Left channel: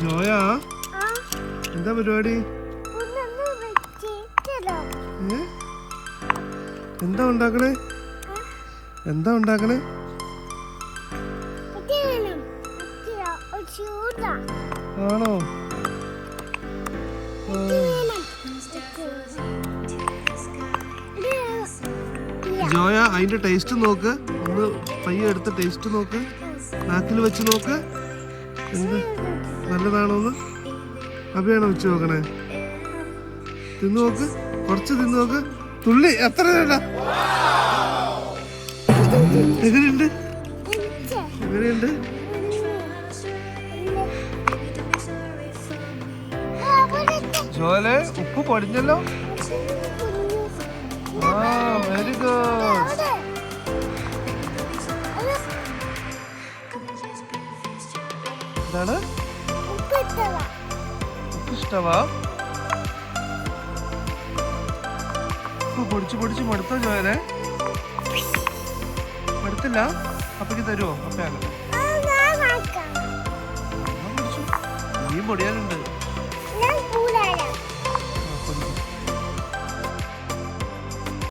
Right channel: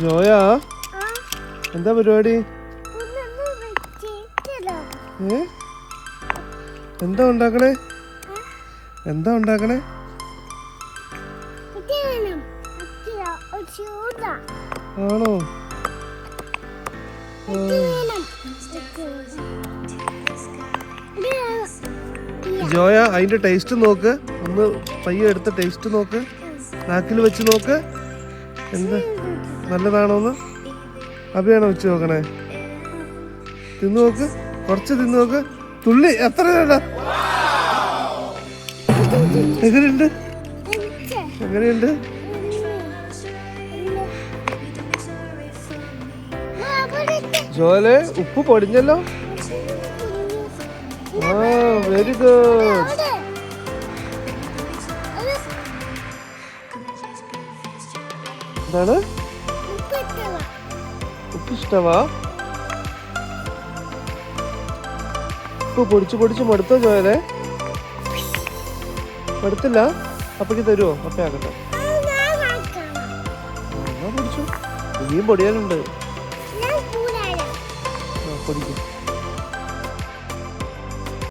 ജോയ എന്താ പരിപാടി? എന്താ ഉണ്ടാക്കണേ? എന്താ ഉണ്ടാക്കണേ? ആണോ? ജോയ അതിന്റെ ടേസ്റ്റ് നോക്ക്, ഒന്ന് പയ്യെ എടുത്ത് ടേസ്റ്റ് നോക്ക്, നാക്കിൽ വെച്ച് നോക്ക്, എന്ത് നല്ലതാണോന്ന്. അഭിയാണോ വെച്ച് നോക്കണേ? തിന്നു നോക്ക്, കുറച്ച് തിന്നു നോക്ക്, തുള്ളി എത്ര വേണ്ട. എങ്ങനെയുണ്ട്? എങ്ങനെയുണ്ട്? ജോലെ ഉപ്പ് പൊടിഞ്ഞല്ലോ. Very good. എന്താണ്? ഉപ്പ് ഇഷ്ടമാ? ഉപ്പ് പൊടിച്ച് പൊടിച്ച് മടുത്തോ ജോലെ? മടുത്തില്ല? അപ്പക്ക് തരുമോ? ഒക്കെ ഇനിയും പൊടിയാനുണ്ട്.